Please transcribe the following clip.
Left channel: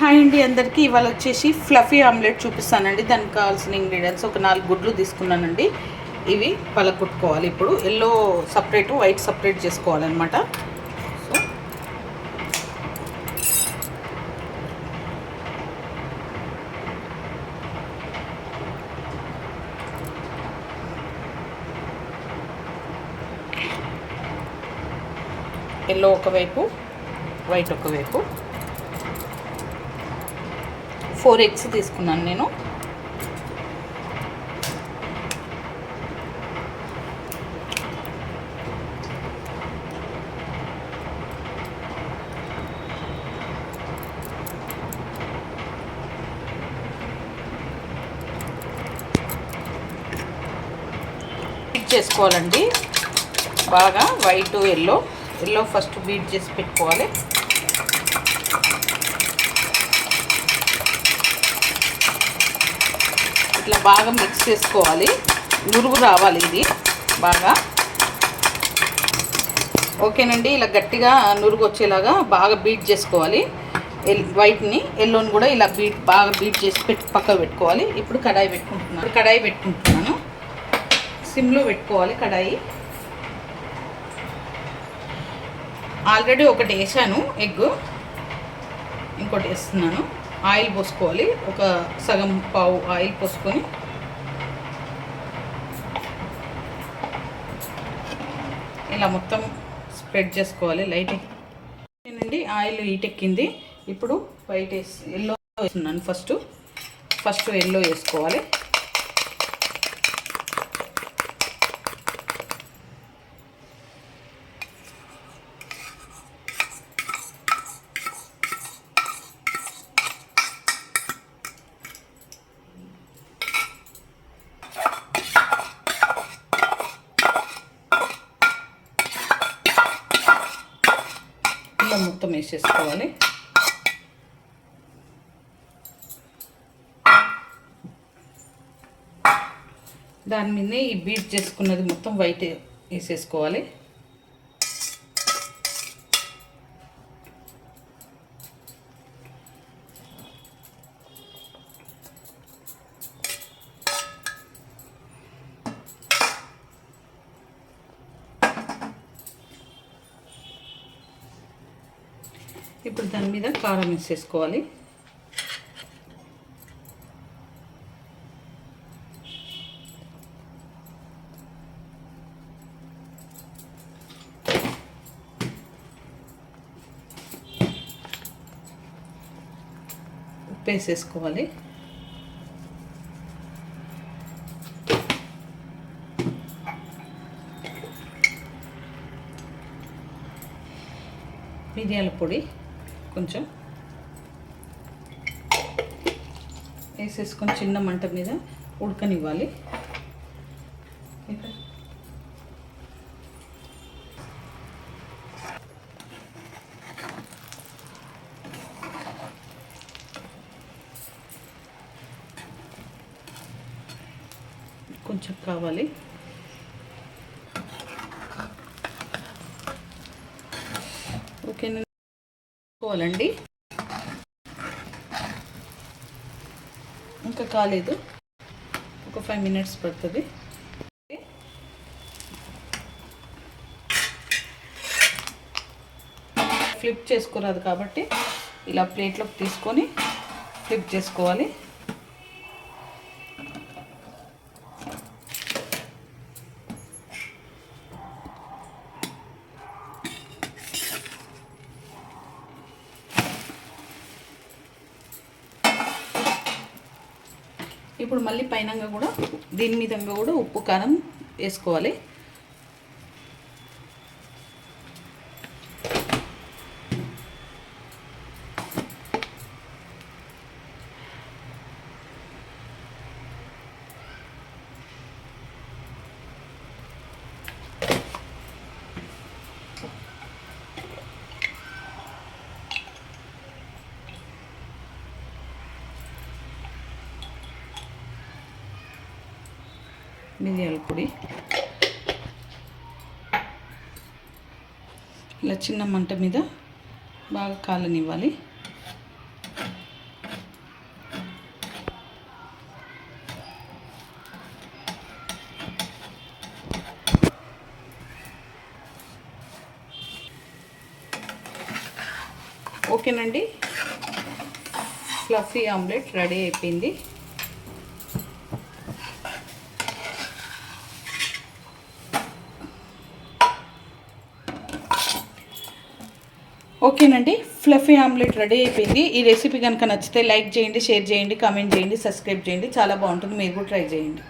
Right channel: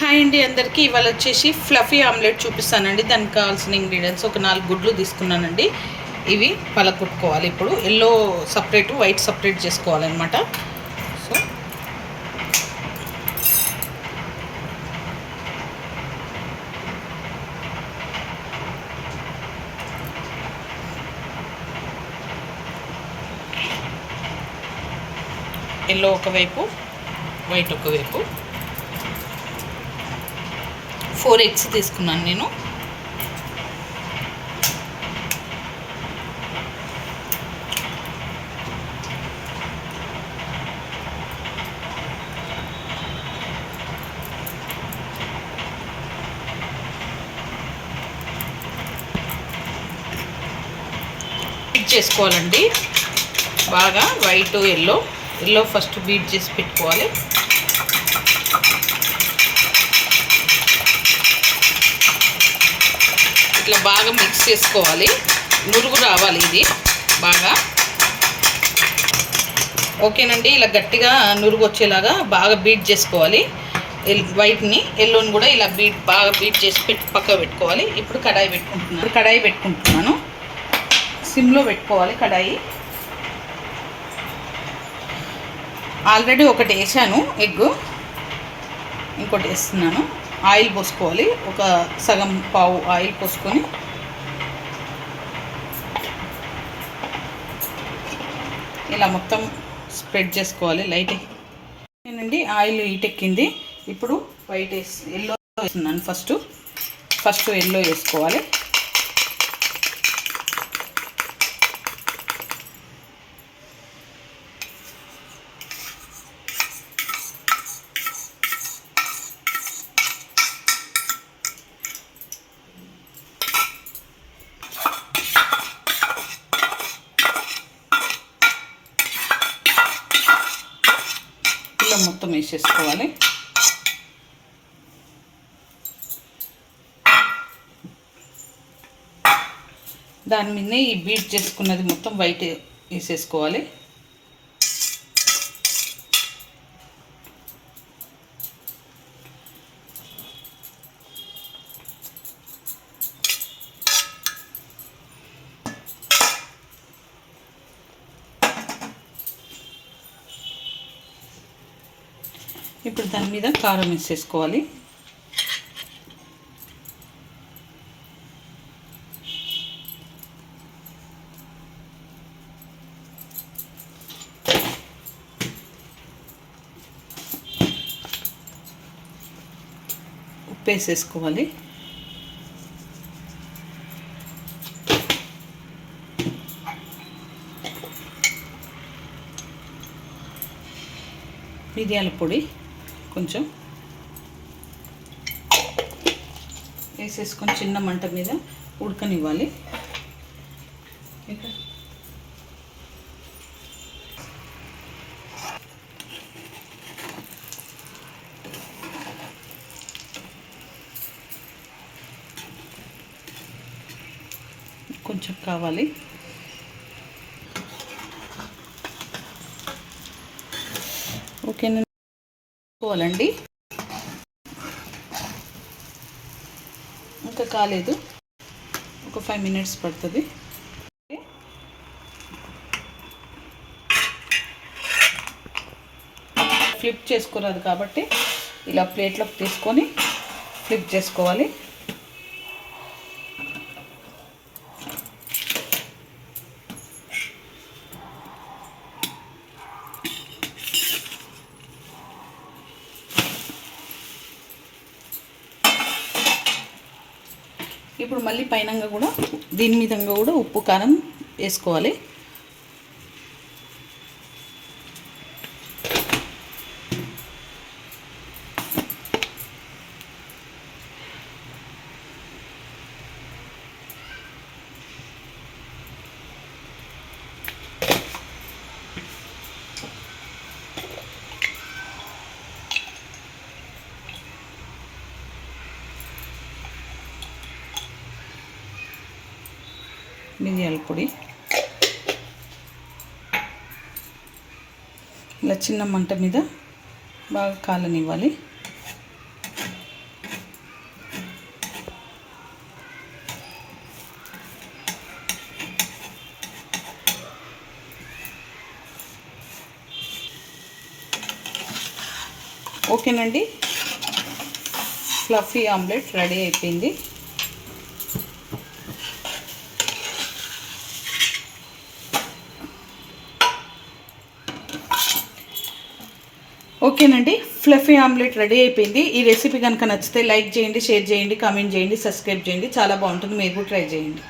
Hi అండి అందరికీ. ఇవాళ వచ్చేసి ఫ్లఫీ ఆమ్లెట్ చూపిస్తానండి. దానికి కావాల్సిన ఇంగ్రీడియంట్స్ ఒక 4 గుడ్లు తీసుకున్నానండి. ఇవి పలగొట్టుకోవాలి. ఇప్పుడు ఎల్లో సపరేట్, వైట్ సపరేట్ చేసుకోవాలన్నమాట. సో ఎల్లో ఒకవైపు, వైట్ ఒకవైపు. 4 ఎగ్స్ తీసుకున్నాను నేను. బీట్ చేసుకోవాలండి బాగా. వైట్ ఎల్లో ఫస్ట్ బీట్ చేసి పెట్టుకోవాలి. ఇట్లా బాగా మిక్స్ చేసుకోవాలి. నురుగు రావాలి ఇది బాగా. ఓకేనండి, ఇలా గట్టిగా నురుగు వచ్చేలాగా బాగా బీట్ చేసుకోవాలి. వైట్ని, ఎల్లోని కూడా ఇలా బాగా బీట్ చేసి పక్కకు పెట్టుకోవాలి. ఇప్పుడు కడాయి పెట్టుకుంటున్నాను. సిమ్లో పెట్టుకోవాలి కడాయి. ఆల్రెడీ ఒకటి వేసాను ఎగ్, ఇంకోటి వేస్తున్నాను. ఆయిల్ పోసుకోవాలి. ఒక సగం పావు ఆయిల్ పోసుకొని ఇలా మొత్తం స్ప్రెడ్ చేసుకోవాలి. లైట్ ఏనండి, ఆయిల్ హీటెక్కింది. ఇప్పుడు ఎల్లో వేస్తున్నాను. ఫస్ట్ ఎల్లో వేసుకోవాలి. మొత్తం వేసేసుకోవాలి. దాని మీదనే ఈ బీట్ చేసుకున్నది మొత్తం వైట్ వేసేసుకోవాలి. ఇప్పుడు దాని మీద కారం వేసేసుకోవాలి. ఉప్పు వేసేసుకోవాలి. మిరియాల పొడి కొంచెం వేసేసుకొని చిన్న మంట మీద ఉడకనివ్వాలి. కొంచెం కావాలి. ఓకేనా, పోవాలండి. ఇంకా కాలేదు, ఒక 5 మినిట్స్ పడుతుంది. ఫ్లిప్ చేసుకోరాదు కాబట్టి ఇలా ప్లేట్లోకి తీసుకొని ఫ్లిప్ చేసుకోవాలి. ఇప్పుడు మళ్ళీ పైన కూడా దీని మీద కూడా ఉప్పు కారం వేసుకోవాలి. మిరియాల పొడి ఇలా చిన్న మంట మీద బాగా కాలనివ్వాలి. ఓకేనండి, ఫ్లఫీ ఆమ్లెట్ రెడీ అయిపోయింది. ఓకేనండి, ఫ్లఫీ ఆమ్లెట్ రెడీ అయిపోయింది. ఈ రెసిపీ కనుక నచ్చితే లైక్ చేయండి, షేర్ చేయండి, కామెంట్ చేయండి, సబ్స్క్రైబ్ చేయండి. చాలా బాగుంటుంది, మీరు కూడా ట్రై చేయండి.